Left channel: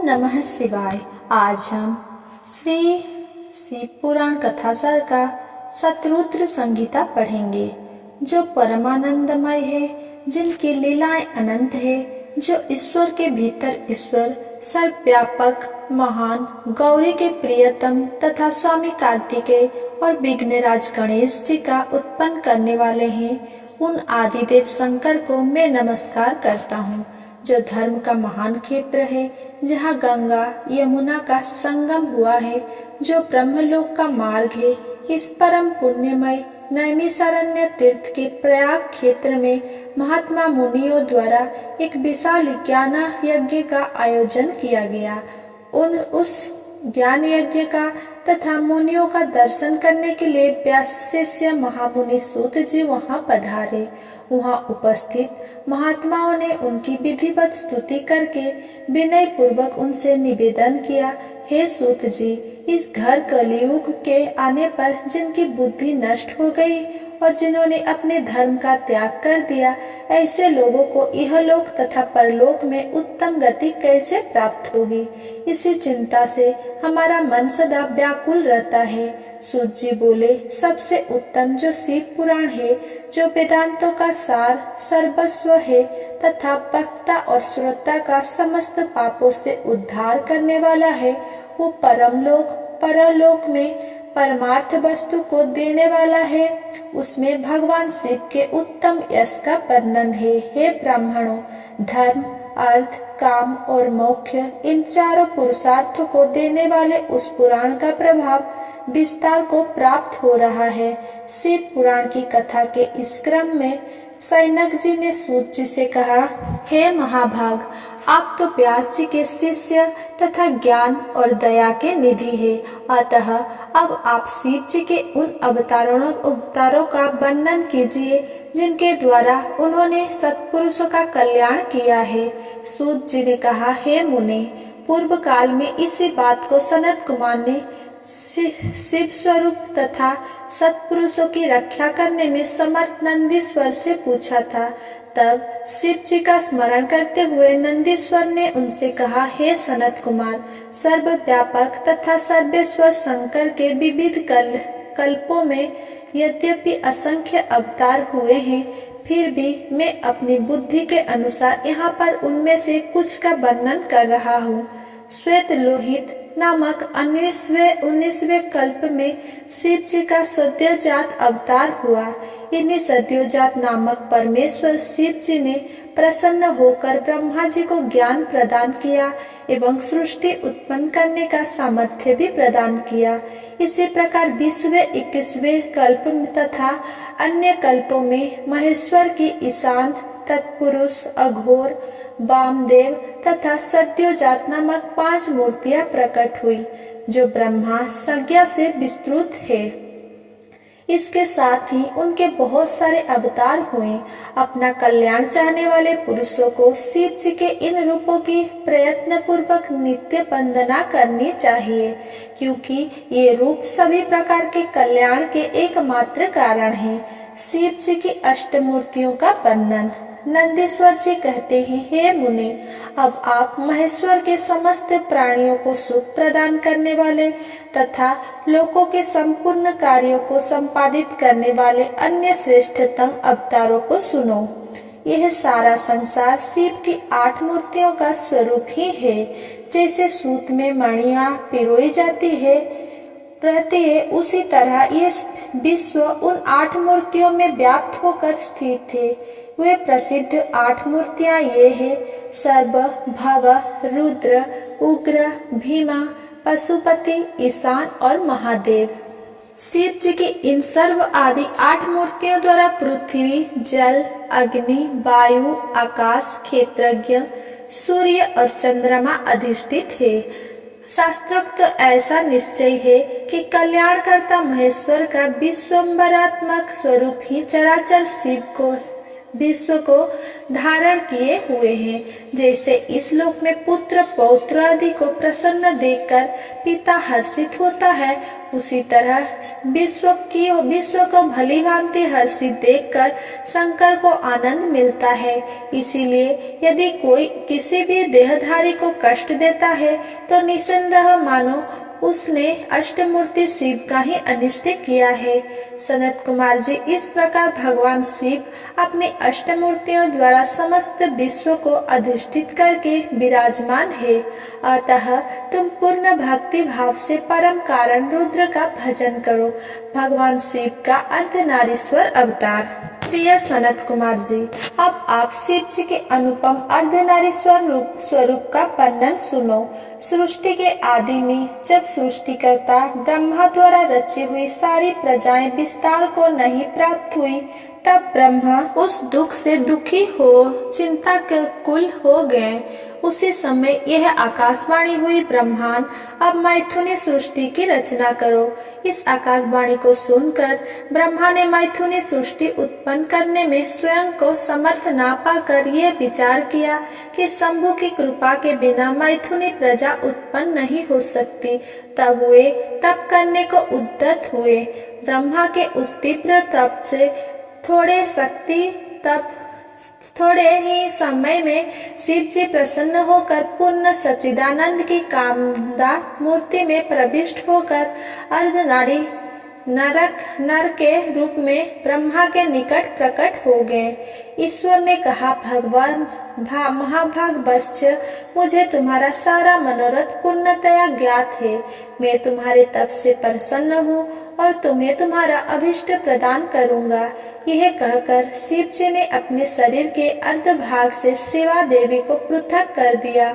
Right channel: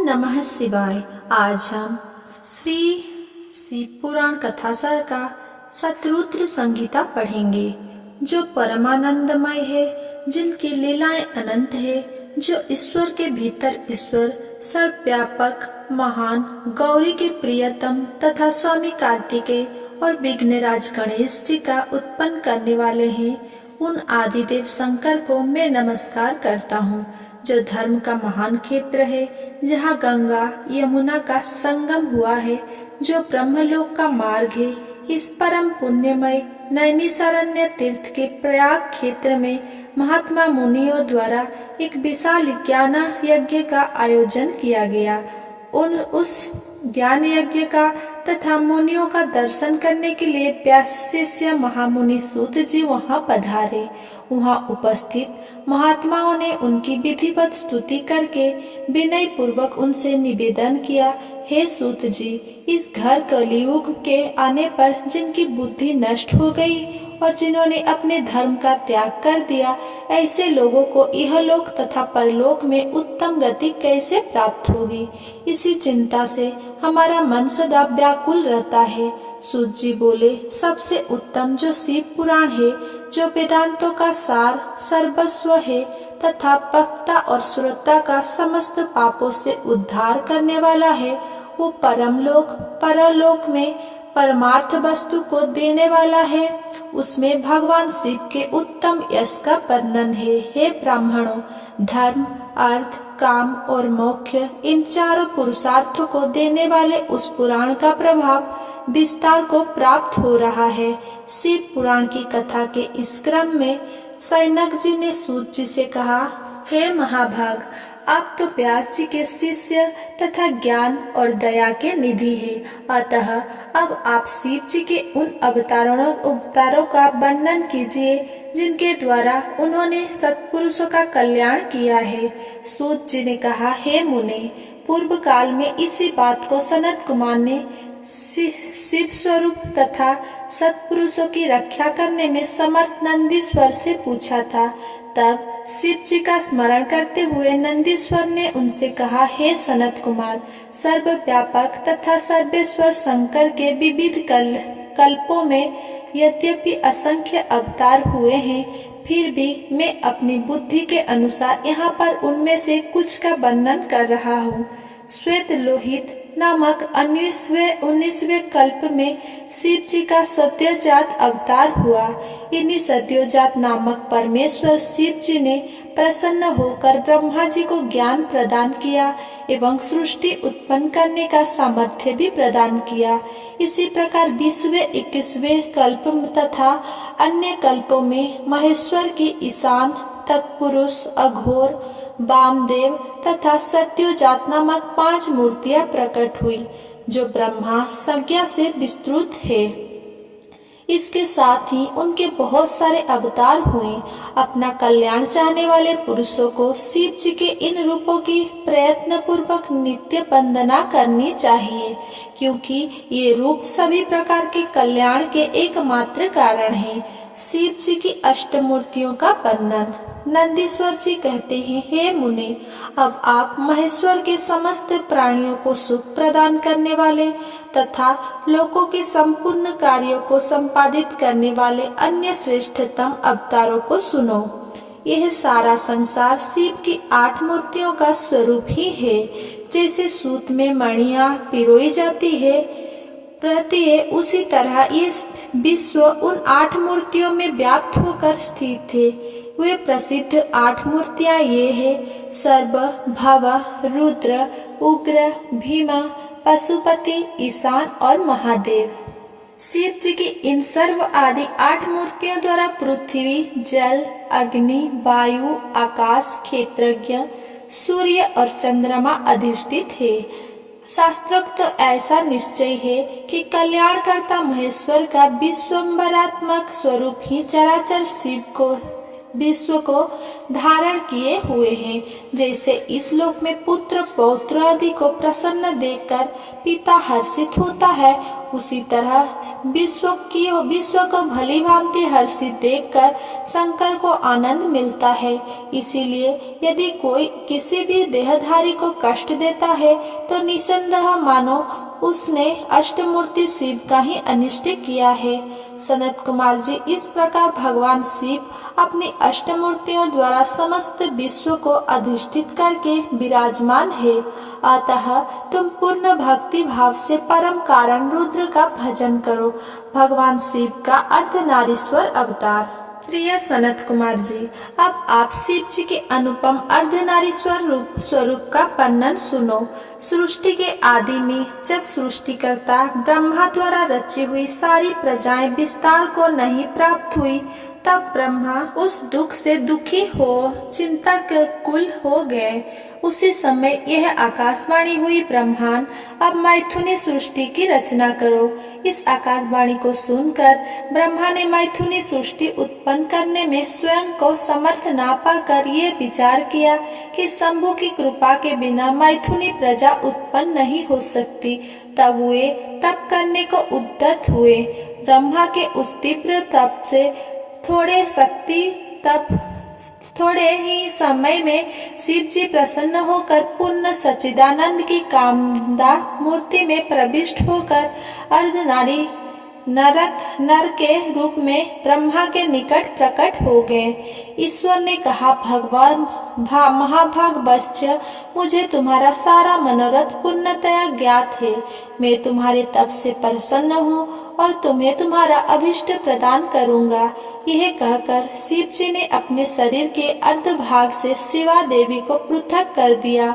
नमः शिवाय। आज हम श्री शिव पुराण कथासार का शतरुद्र संगीता पढ़ेंगे, जो परमानंदमय है, जिनकी लीलाएं अनंत है, जो ईश्वर के भीतर ईश्वर, सर्वव्यापक, महान, गौरी के प्रियतम तथा स्वामी कार्तिकेय और विघ्नराज गणेश जी का उत्पन्न करने वाले हैं। उन आदिदेव शंकर को मैं नमस्कार करता हूँ, जो धर्म का महान क्षेत्र है, जहाँ गंगा यमुना का संगम हुआ है, जो ब्रह्मलोक का मार्ग है। इस परम पुण्यमय नैमिषारण्य तीर्थ के प्रयाग क्षेत्र में महात्मा मुनियों द्वारा एक विशाल ज्ञान यज्ञ का आयोजन किया गया। उस ज्ञान यज्ञ का तथा मुनियों का दर्शन करने के लिए व्यास शिष्य महामुनि सूत जी वहां पधारे। वहां उपस्थित महात्माओं ने उनकी विधिवत स्तुति करके विनय पूर्वक उनसे निवेदन किया, हे सूत जी, इस घर कलियुग के आने पर जिनकी बुद्धि नष्ट हो गई और जिन्होंने अपने धर्म का त्याग कर दिया, ऐसे लोगों को इहलोक तथा परलोक में उत्तम गति कैसे प्राप्त होगी। इसी चिंता से हमारा मन सदा व्याकुल रहता है। सूत जी बोले, सबसे उत्तम जो शिव पुराण है, जो वेदांतों का सार सर्वस्व है तथा वक्ता और श्रोता का समस्त पापों से उद्धार करने वाला है, वो परमलोक परलोक में परमार्थ वस्तु को देने वाला है। उसमें भगवान शिव के उत्तम यश का वर्णन है। हे ब्राह्मणों, धर्म, अर्थ, काम और मोक्ष, इन चारों पुरुषार्थों को देने वाले उस पुराण का प्रभाव विस्तार को प्राप्त हो रहा है। शिव पुराण की कथा के इस क्रम में सैनक जी ने सूत जी से कहा, हे महाभाग, आप तो व्यास जी के शिष्य तथा ज्ञान और दया के निधि है। अतः अब आप शिव जी के उन अवतारों का वर्णन कीजिए, जिनके द्वारा उन्होंने सत्पुरुषों का कल्याण किया है। सूत जी ने कहा, हे मुने, पूर्व काल में इसी बात को सनत कुमार ने शिव स्वरूप तथा सत्पुरुषों की रक्षा करने में समर्थ नंदीश्वर से पूछा था। तब शिव जी का स्मरण करते हुए नंदीश्वर ने उनसे कहा, हे सनत कुमार, सर्वव्यापक तथा सर्वेश्वर शंकर के विविध कल्पों में यद्यपि असंख्य अवतार हुए हैं, फिर भी मैं अपनी बुद्धि के अनुसार यहाँ पर उनमें से कुछ का वर्णन कर रहा हूँ। श्वेत लोहित नामक 19वें कल्प में शिव जी का सद्योजात अवतार हुआ। इन्हीं सद्योजात नामक परमेश्वर शिव जी ने प्रसन्न होकर ब्रह्मा जी को ज्ञान प्रदान किया एवं सृष्टि उत्पन्न करने का सामर्थ्य भी प्रदान किया। इसी प्रकार 20वें 21वें कल्प तथा अन्य कल्पों में महेश्वर की ईशान, तत्पुरुष, अघोर, वामदेव तथा सद्योजात नामक 5 मूर्तियां प्रकट हुई, जो ब्रह्मा संज्ञा से विस्तृत है। इसके साथ ही उनके बहुत सारे अवतार हुए। अपना कल्याण चाहने वाले पुरुषों को शिव जी के इन रूपों की प्रयत्न पूर्वक नित्य वंदना करनी चाहिए, क्योंकि ये रूप सभी प्रकार के कल्याण के एकमात्र कारण है। शिव जी की अष्टमूर्तियों का वर्णन। नंदीश्वर जी कहते हैं, हे मुने, अब आप महेश्वर के समस्त प्राणियों को सुख प्रदान करने वाले तथा लोकों के संपूर्ण कार्यों को संपादित करने वाले अन्य श्रेष्ठतम अवतारों को सुनो। यह सारा संसार शिव की 8 मूर्तियों का स्वरूप ही है। जैसे सूत में मणियां पिरोई जाती रहती है, उसी तरह ये विश्व उन 8 मूर्तियों में व्याप्त होकर स्थित थे। वे प्रसिद्ध 8 मूर्तियां ये है: सर्व, भव, रुद्र, उग्र, भीमा, पशुपति, ईशान और महादेव। शिव जी की इन सर्व आदि 8 मूर्तियों द्वारा पृथ्वी, जल, अग्नि, वायु, आकाश, क्षेत्रज्ञ, सूर्य और चंद्रमा अधिष्ठित है। शास्त्रोक्त ऐसा निश्चय है कि कल्याणकर्ता महेश्वर का विश्वम्भरात्मक स्वरूप ही चराचर शिव को विश्व को धारण किए हुए हैं। जैसे इस लोक में पुत्र पौत्र आदि को प्रसन्न देखकर पिता हर्षित होता है, उसी तरह विश्व को भली भांति हर्षित देखकर शंकर को आनंद मिलता है। इसीलिए यदि कोई किसी भी देहधारी को कष्ट देता है तो निसंदेह मानो उसने अष्टमूर्ति शिव का ही अनिष्ट किया है। सनत कुमार जी, इस प्रकार भगवान शिव अपनी अष्टमूर्तियों द्वारा समस्त विश्व को अधिष्ठित करके विराजमान है। अतः तुम पूर्ण भक्ति भाव से परम कारण रुद्र का भजन करो। भगवान शिव का अर्धनारीश्वर अवतार। प्रिय सनत कुमार जी, अब आप शिव जी के अनुपम अर्धनारीश्वर स्वरूप का वर्णन सुनो। सृष्टि के आदि में जब सृष्टिकर्ता ब्रह्मा द्वारा रची हुई सारी प्रजाएं विस्तार को नहीं प्राप्त हुई, तब ब्रह्मा उस दुख से दुखी हो चिंता के कुल हो गए। उसी समय यह आकाशवाणी हुई, ब्रह्मांड अब मैथुनी सृष्टि की रचना करो। इस आकाशवाणी को सुनकर ब्रह्मा ने मैथुनी सृष्टि उत्पन्न करने में स्वयं को समर्थ ना पाकर ये विचार किया कि शंभु की कृपा के बिना मैथुनी प्रजा उत्पन्न नहीं हो सकती। तब वे तप करने को उद्यत हुए। ब्रह्मा के उस तीव्र तप से थोड़े ही समय में शिव जी प्रसन्न होकर पूर्ण सच्चिदानंद की कामदा मूर्ति में प्रविष्ट होकर अर्धनारी नर के रूप में ब्रह्मा के निकट प्रकट हो गए। ईश्वर ने कहा, भगवान महाभाग वत्स्य, मुझे तुम्हारा सारा मनोरथ पूर्णतया ज्ञात है। मैं तुम्हारे तप से प्रसन्न हूँ और तुम्हें तुम्हारा अभिष्ट प्रदान करूँगा। यह कहकर शिव जी ने अपने शरीर के अर्ध भाग से शिवा देवी को पृथक कर दिया।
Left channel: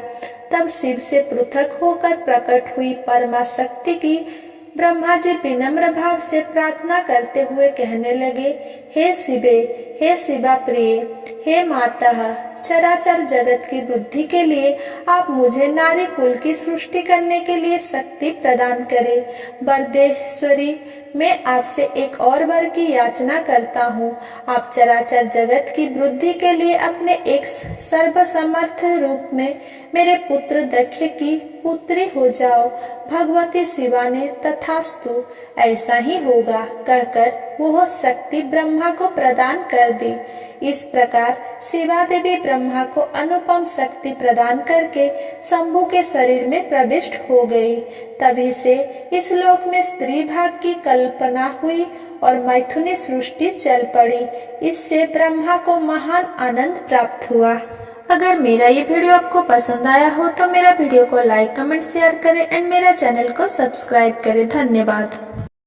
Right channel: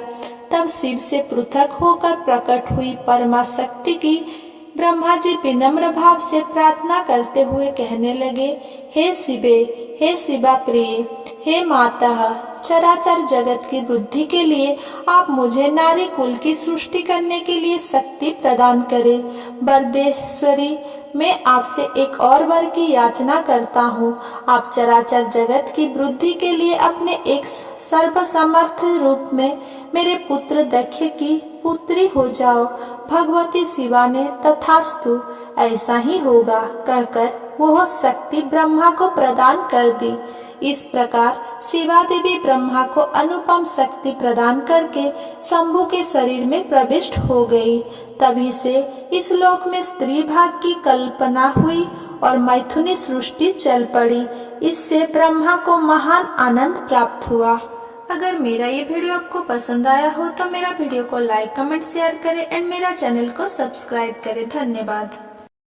तब शिव से पृथक होकर प्रकट हुई परमा शक्ति की ब्रह्मा जी विनम्र भाव से प्रार्थना करते हुए कहने लगे, हे शिवे, हे शिवा प्रिय, हे माता, चराचर जगत की वृद्धि के लिए आप मुझे नारी कुल की सृष्टि करने के लिए शक्ति प्रदान करें। वरदेश्वरी, मैं आपसे एक और वर की याचना करता हूँ। आप चराचर जगत की वृद्धि के लिए अपने एक सर्वसमर्थ रूप में मेरे पुत्र दक्ष की पुत्री हो जाओ। भगवती शिवा ने तथास्तु, ऐसा ही होगा कहकर वह शक्ति ब्रह्मा को प्रदान कर दी। इस प्रकार शिवा देवी ब्रह्मा को अनुपम शक्ति प्रदान करके शंभु के शरीर में प्रविष्ट हो गई। तभी से इस लोक में स्त्री भाग की कल्पना हुई और मैथुनी सृष्टि चल पड़ी। इससे ब्रह्मा को महान आनंद प्राप्त हुआ। अगर मेरा ये वीडियो आपको पसंद आया हो तो मेरा वीडियो को लाइक, कमेंट, शेयर करें एंड मेरा चैनल को सब्सक्राइब करें। धन्यवाद।